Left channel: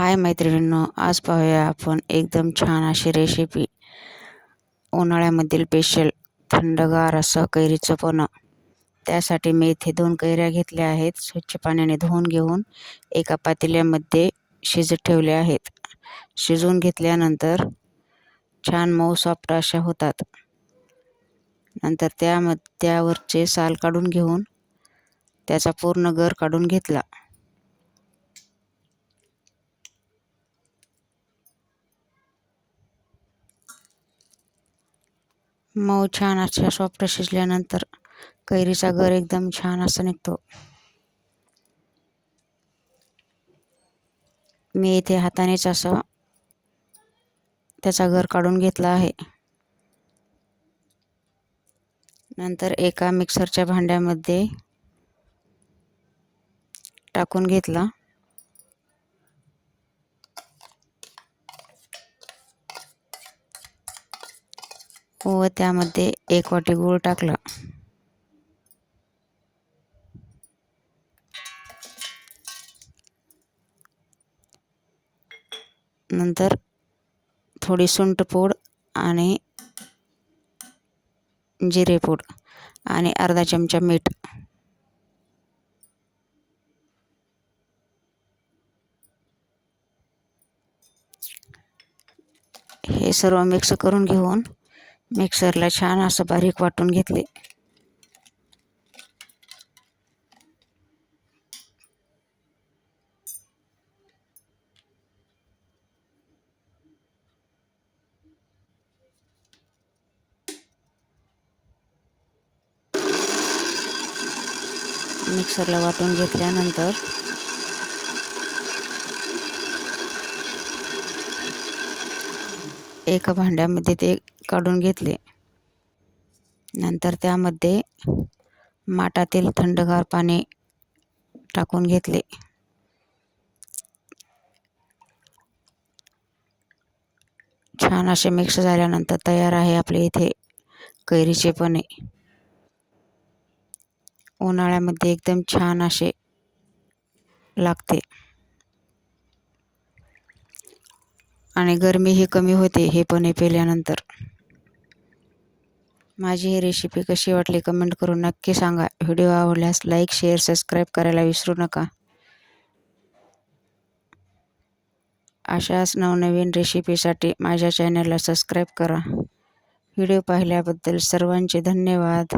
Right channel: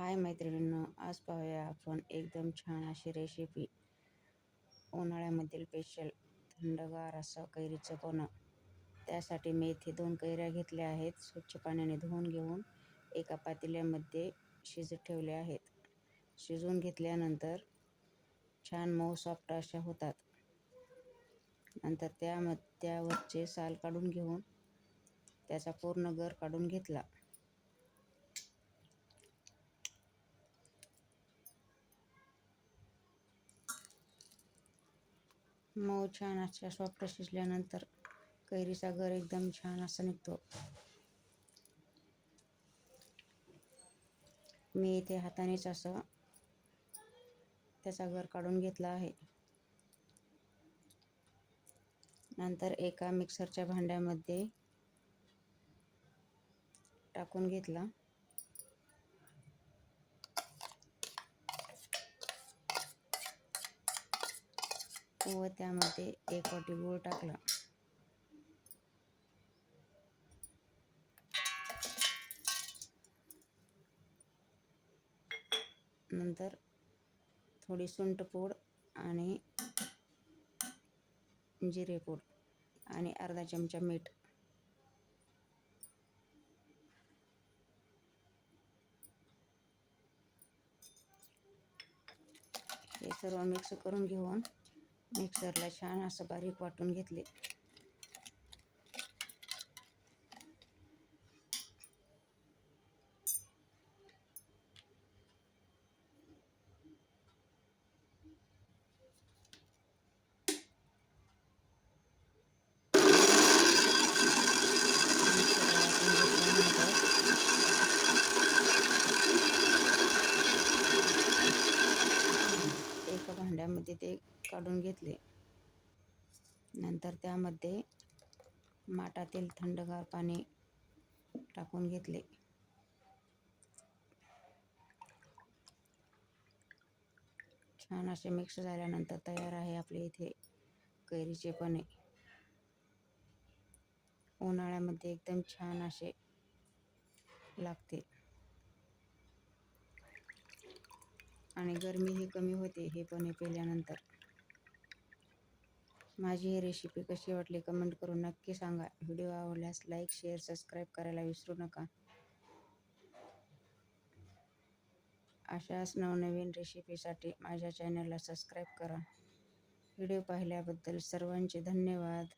हाय मैत्रिणींनो, आज पाहूया आपण एकदम छान अशी रेसिपी उन्हाळ्यामधील स्पेशल थंडगार असं कैरीचं पन्ह। त्यासाठी मी इथे 2 कैऱ्या घेतल्या आहेत। स्वच्छ पाण्याने धुवून घेऊन एका पातेल्यामध्ये शिजत ठेवल्या आहेत। शिजवून घेतल्यानंतर छान मऊ सॉफ्ट अशा होतात। नंतर त्यावरचे साल काढून घेऊन त्याचा पूर्ण गर काढून घेतला। मऊ छान अशा सॉफ्ट शिजल्यानंतर कैरीचा गर एकदम छान असा निघतो। मी इथे हातानेच असा त्याचा गर काढून घेतला आहे। नंतर एका मिक्सरच्या भांड्यामध्ये टाकून घेतला व त्यामध्ये 1 वाटी गूळ टाकला। नंतर थोडी सुंठ पूड आणि जिरे पूड आणि अर्धा चमचा मीठ हे सर्व मिक्स करून घेऊन मिक्सरला छान असं बारीक वाटून घेतले। मिक्सरला वाटून घेतल्यानंतर एका भांड्यामध्ये ते काढून घेतले। नंतर त्यामध्ये माठातील थंडगार पाणी टाकून घेतले। छान असे मिक्स झाल्यानंतर तयार आहे आपले इथे कैरीचे पन्हे। उन्हाळ्यामध्ये एकदम छान असे लागते आणि गरमीही कमी होते हे पन्हे पिल्यानंतर। माझी ही रेसिपी कशी वाटली कमेंट करून नक्की सांगा। व्हिडिओ आवडल्यास लाईक, शेअर, सबस्क्राईब करायला विसरू नका। अशाच नवनवीन रेसिपीसाठी माझ्या चॅनलला सबस्क्राईब करा। व्हिडिओ पाहिल्याबद्दल सर्वांचे धन्यवाद।